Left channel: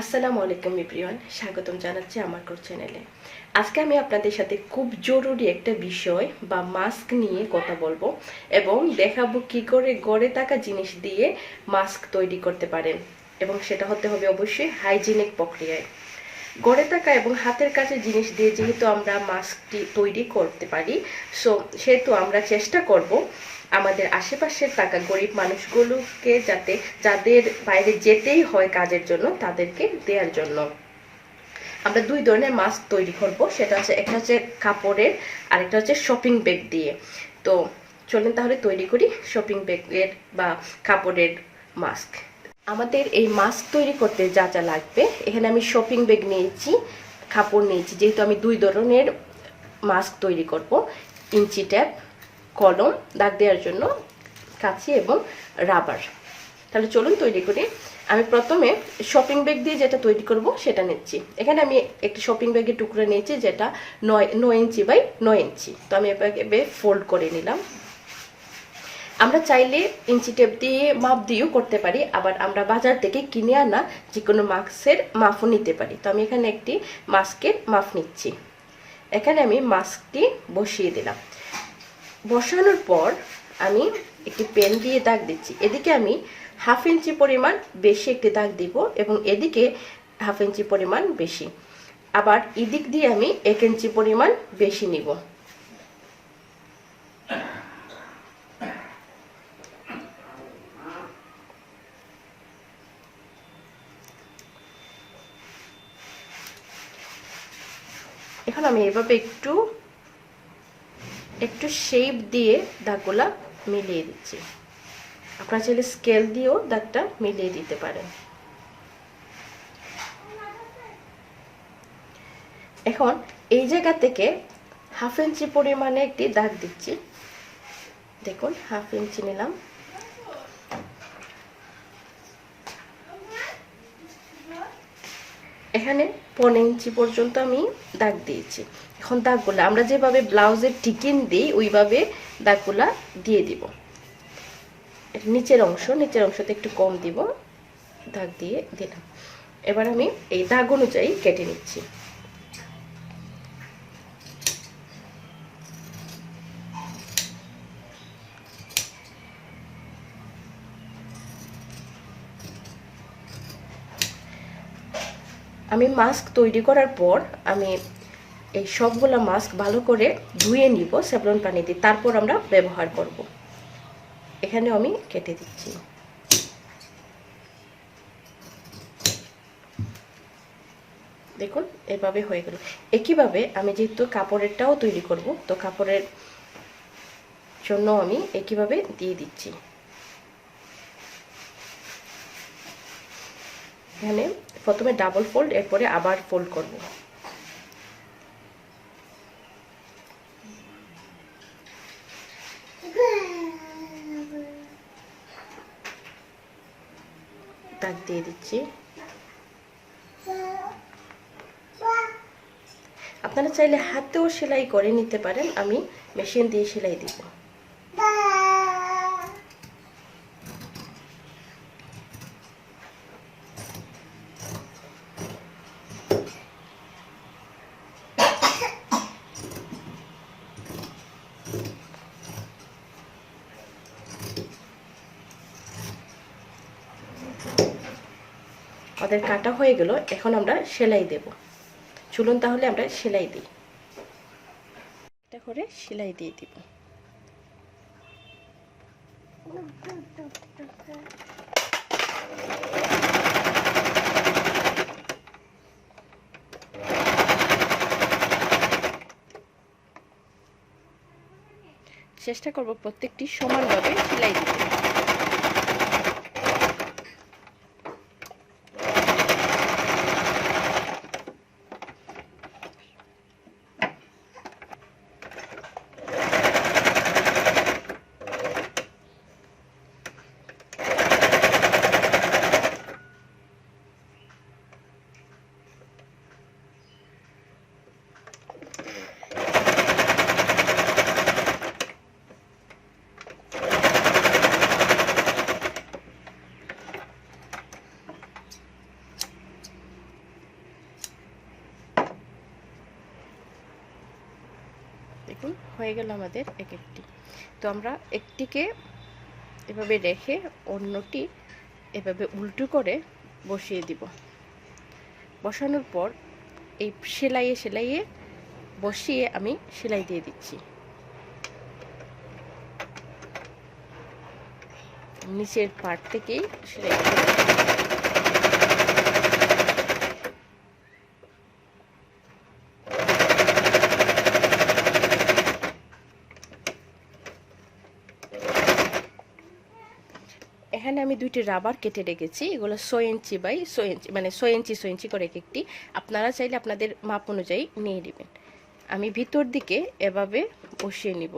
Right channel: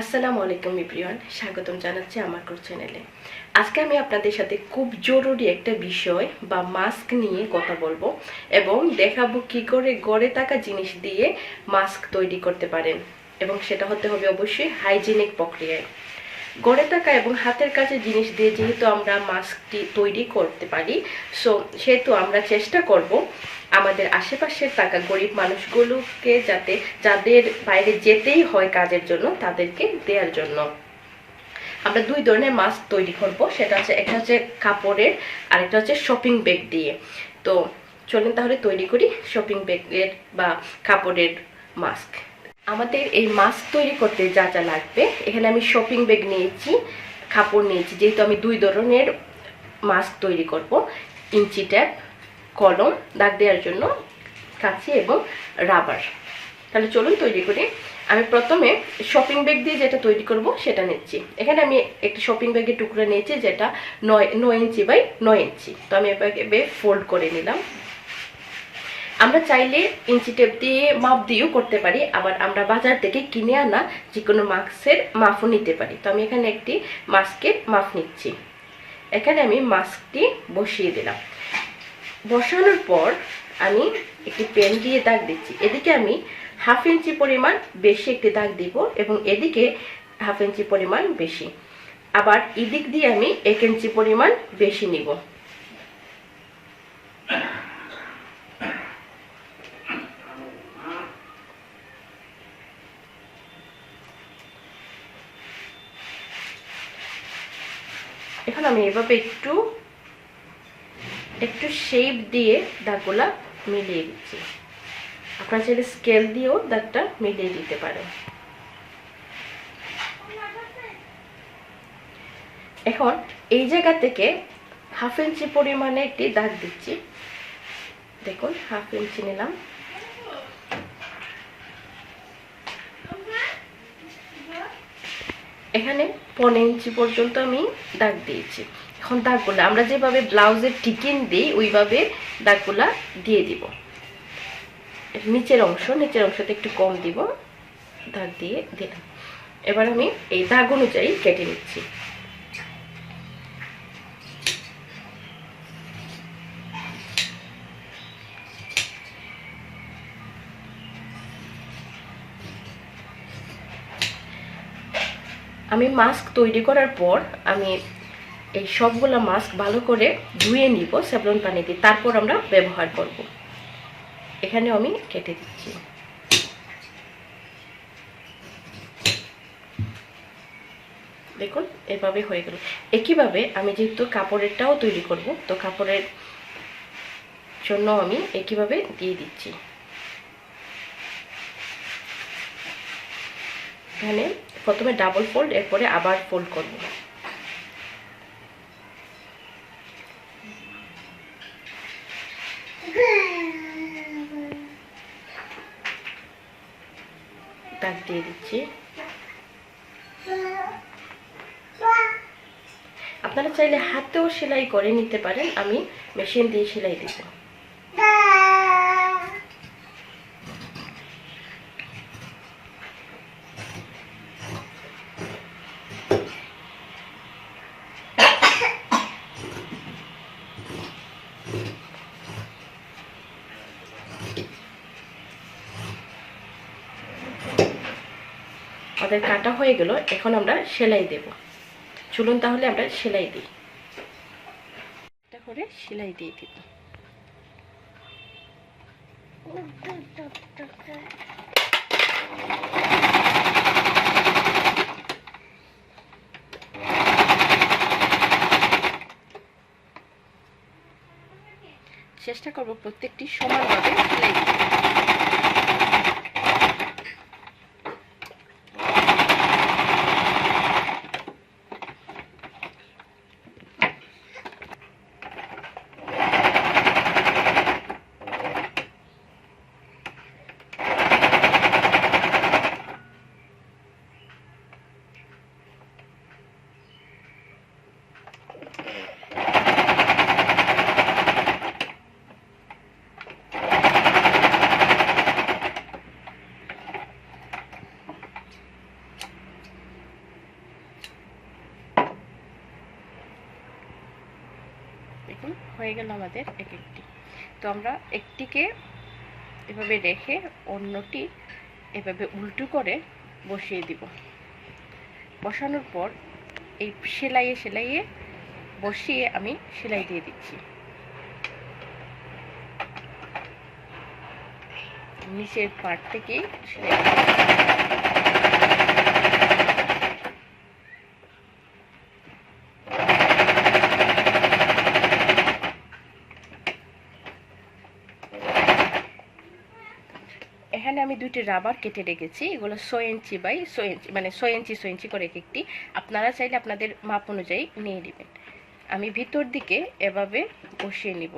আসসালামু আলাইকুম এভরিওয়ান, স্বাগতম জানাচ্ছি আমার চ্যানেলে। আজকে আমি আপনাদের সাথে খুব জরুরি একটা বিষয় বা মাস্ক নিয়ে কথা বলবো এবং দেখাবো কি করে গড়ে থাকা জিনিস দিয়ে মাস্ক তৈরি করতে পারেন, এবং সেটা হতে হবে অবশ্যই হাইজিনিক প্রক্রিয়ায়। গড়ে থাকা এবং হাতের কাছে জিনিস দিয়ে যেহেতু আমরা মাস্কটি তৈরি করতে পারি, সেহেতু আমরা চেষ্টা করব আমাদের আশেপাশের থাকা গরিব মানুষগুলোকে যাদের বাইরে যেতেই হয় কাজের জন্য তাদেরকে দেওয়ার জন্য। আমরা দুই ধরনের মাস্ক তৈরি করব, সেটা হচ্ছে একটা হচ্ছে কাপড়ের আর একটা হচ্ছে শপিং ব্যাগ দিয়ে। তো চলুন তাহলে তৈরি করি শপিং ব্যাগের বা কাপড়ের মাস্ক। আমাদের এই মাস্ক তৈরি করতে যা যা লাগবে, এখানে আমি শপিং ব্যাগ নিয়েছি, কাপড় নিয়েছি, যেহেতু আমি দুই ধরনের মাস্ক তৈরি করব। ইঞ্চি ট্যাপ, কলম, দাগ দেওয়ার জন্য কাঁচি এবং রাবার। তাহলে চলুন তৈরি করি। আমি প্রথমে শপিং ব্যাগ দিয়ে যেটা তৈরি করব সেটা নিচ্ছি। এখানে আমি একটি শপিং ব্যাগের টুকরো নিয়েছি যেটা 9 ইঞ্চি বাই 9 ইঞ্চি। তো আমি এভাবে ফোল্ড করে নিলাম। আমরা চাইলে ইঞ্চি টেপ দিয়ে মাপ দিয়েও করতে পারি, আবার আমরা বাজার থেকে কিনে আনা যে কোনো মাস্কের মাপও নিতে পারি। তো আমি এখানে একটি মাস্কের মাপ নিচ্ছি। এখানে আমি মাস্কটি বসিয়ে দিলাম। বসানোর পর আমি একটি পেন দিয়ে দাগ দিচ্ছি। এদিকে আমি 1/2 ইঞ্চি পরিমাণ বেশি একটি দাগ দিব এবং এদিকে 1/2 ইঞ্চি পরিমাণ বেশি, আবার এদিক দিয়ে আমি 1 ইঞ্চি পরিমাণ বেশি নিব। এখন আমি এভাবে একটু শেপ দিয়ে দাগগুলা মিলিয়ে দিচ্ছি। আপনারা চাইলে স্কেল দিয়েও দাগটা মিলিয়ে দিতে পারেন। এখন এই জায়গা থেকে 1/2 ইঞ্চি পরিমাণে একটি দাগ দিচ্ছি। দেখুন 1/2 ইঞ্চি নিলাম। এখানে 1.5 ইঞ্চি পর্যন্ত আমি দাগ দিয়েছি। এখন দাগগুলো আমরা যেভাবে ব্লাউজের টিকিন দিই ওইভাবে দাগগুলা দিয়ে দিব। নিচের অংশতে একটু কম দিব, দাগ দিয়ে দিলাম। এবার আমি এই দাগ অনুযায়ী কেটে নিচ্ছি। আমি মাস্ক তৈরি করার পর আমি এই সবগুলো মাস্ক ভালো করে ধুয়ে নিব স্যাভলন পানি দিয়ে, তারপর আমরা ব্যবহার করব। এখানে আমি কেটে দিচ্ছি। দেখুন এভাবে হয়ে গেল। একইভাবে আমি যেহেতু কাপড়েরটাও তৈরি করব, তো কাপড়ের জন্য আমি একইভাবে দিয়ে দিচ্ছি। এখানে প্রথমে ডাবল ফোল্ড, এরপরে আবার ফোল্ড করব। দাগ দিয়ে দিচ্ছি। আপনারা চাইলে হাতেও সেলাই করে নিতে পারেন, আমি মেশিন দিয়ে সেলাই দিব। আমাদের কাটা হয়ে গেল, এখন আমরা সেলাই দেব। চলুন তাহলে আমরা সেলাই দিই। একটা করে সেলাই দিয়ে দিব। চেষ্টা করব প্রত্যেকটি সমানভাবে সেলাই দিতে। দেখুন হয়ে গেল আমাদের এক একটি। তো আমরা একটিকে এভাবে রেখে অন্যটি এভাবে উল্টো করে বসিয়ে দিব। বসানোর পর এই সেলাইয়ে বসিয়ে আমি সেলাই দিয়ে দিচ্ছি। নিচের পার্ট থেকেই সেলাই এখানে আমি দুইটি রাবার কেটে রেখেছি। এগুলো 6 ইঞ্চি বাই 6 ইঞ্চি, মানে 6 ইঞ্চি করে এক একটি। আপনারা চাইলে আপনাদের মাপ অনুযায়ী নিয়ে নেবেন। আমি ভিতর দিকে এভাবে বসিয়ে নিব।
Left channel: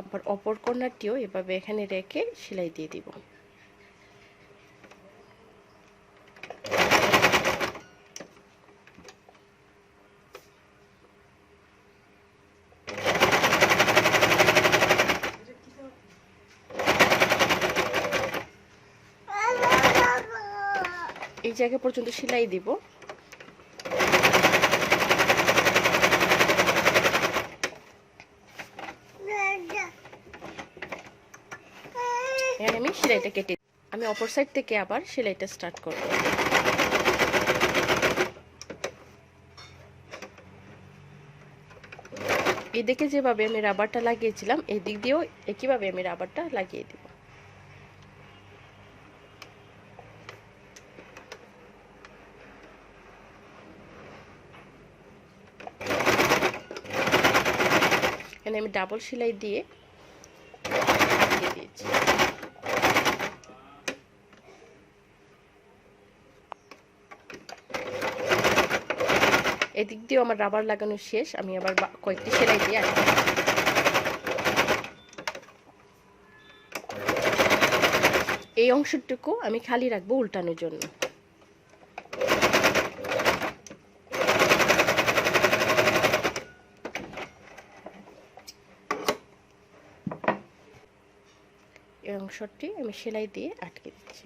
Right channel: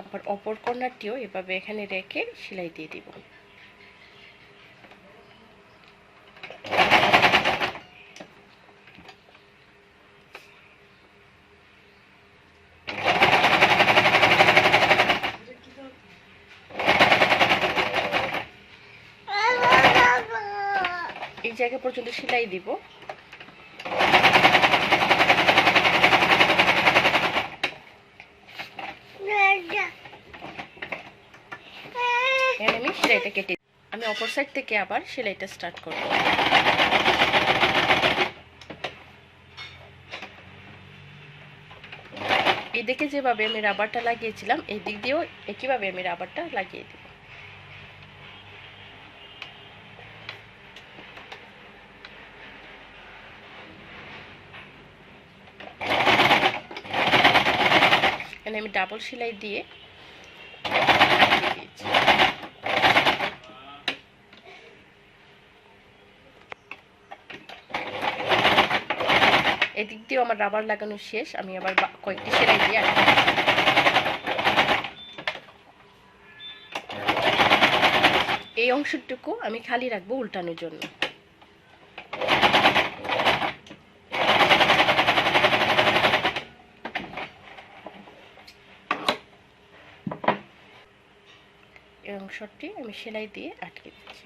আবার অপর কর্নারটিও এভাবে এখানে রেখে সেলাই দিয়ে দিব। এই জায়গা পর্যন্ত সেলাই দিব। আমি সেলাইটা কেটে আমি অপর সাইড থেকে আবার সেলাইটা স্টার্ট করব। এই দিকে যেভাবে আমি রাবারটা লাগিয়েছিলাম এই দিক দিয়েও একইভাবে আমি রাবারটা লাগিয়ে দিব। এখানে আমি ডাবল সেলাই দিয়ে দিয়েছি। এদিক দিয়েও আমার রাবার লাগানো শেষ। আমি আবার কয়েকটি সেলাই দিয়ে আটকে এই অংশটুকু আমি খালি রাখবো উল্টানোর জন্য। এই অংশটি আমি সেলাই দিয়ে আটকে দিচ্ছি।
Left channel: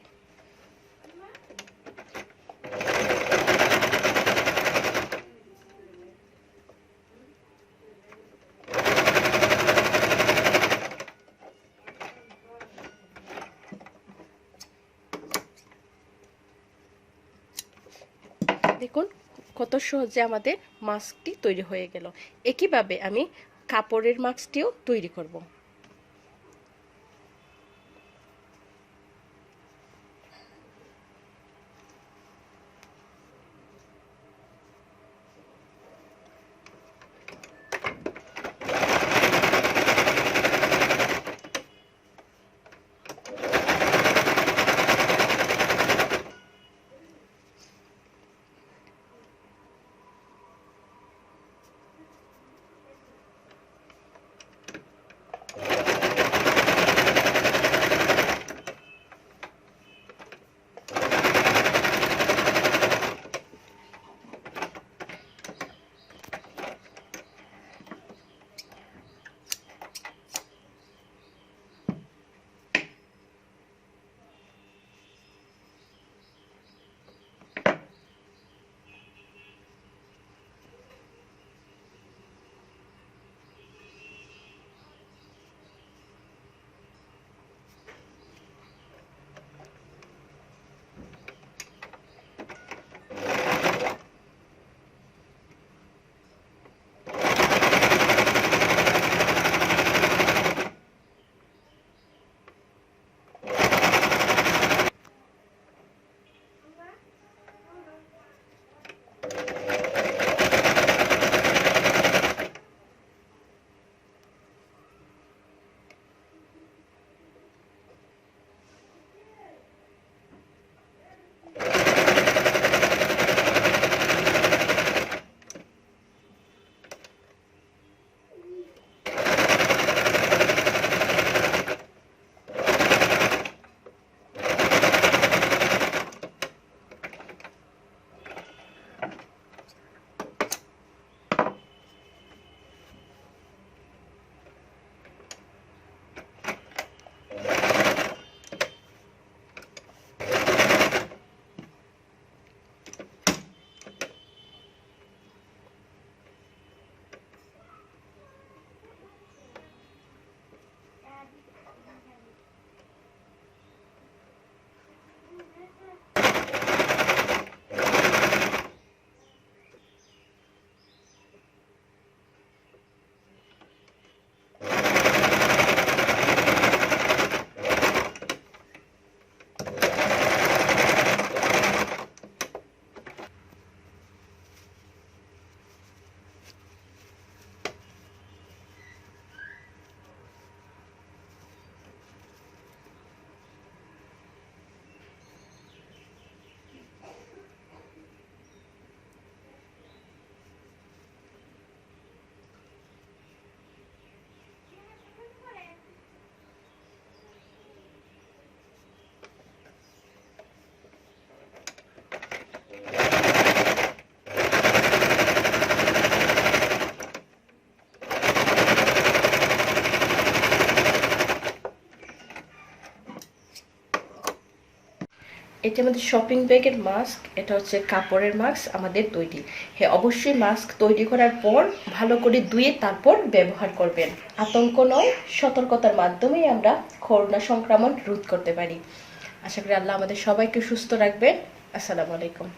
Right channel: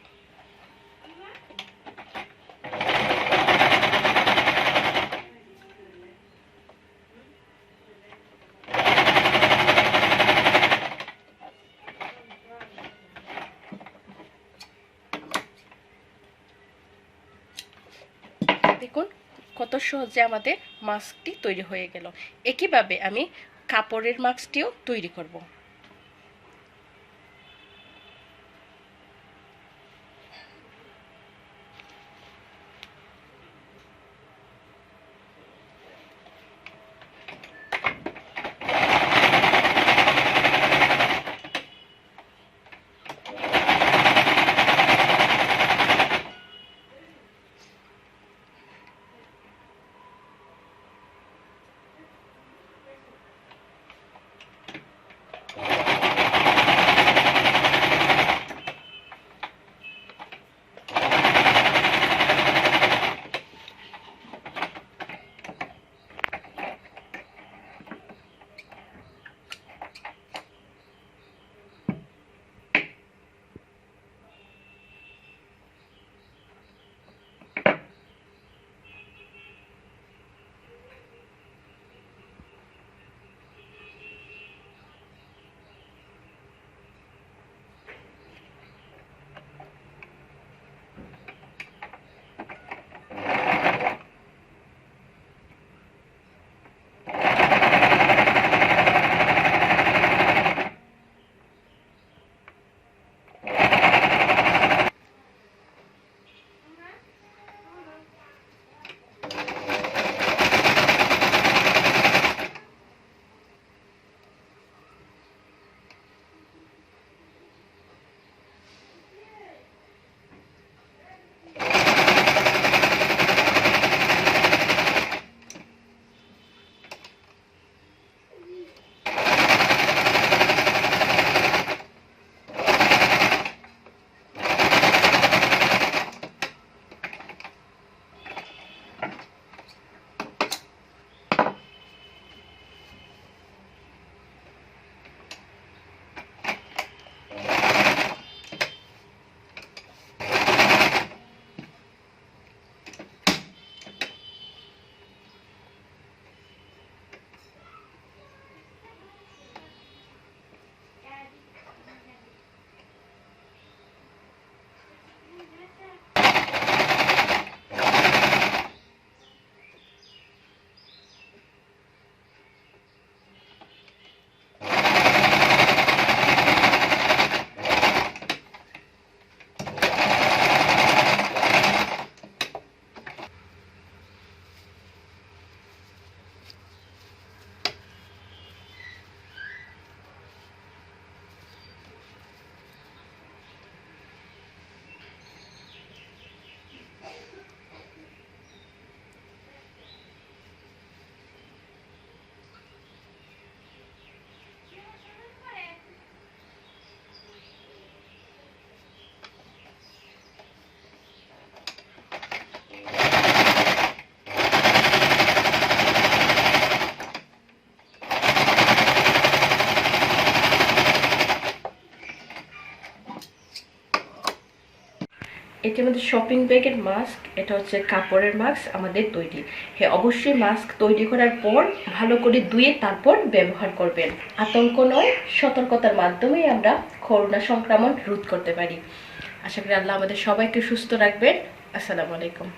দেখুন কত সহজে আমাদের মাস্কটি তৈরি হয়ে গেল। একইভাবে আমি কাপড়ের মাস্কটিও তৈরি করব। এটা আমাদের শপিং ব্যাগের মাস্ক, এটা হচ্ছে কাপড়ের মাস্ক আমাদের তৈরি। হ্যাঁ, অবশ্যই মাস্ক তৈরি করার পর ভালো করে ধুয়ে তারপর ব্যবহার করবেন। আতঙ্ক নয়, সতর্কতার মাধ্যমেই আমরা করোনা সংক্রমণ রোধ করতে পারি। আশা করি আল্লাহ আমাদের সবাইকে সুস্থ রাখবেন। আসসালামু আলাইকুম।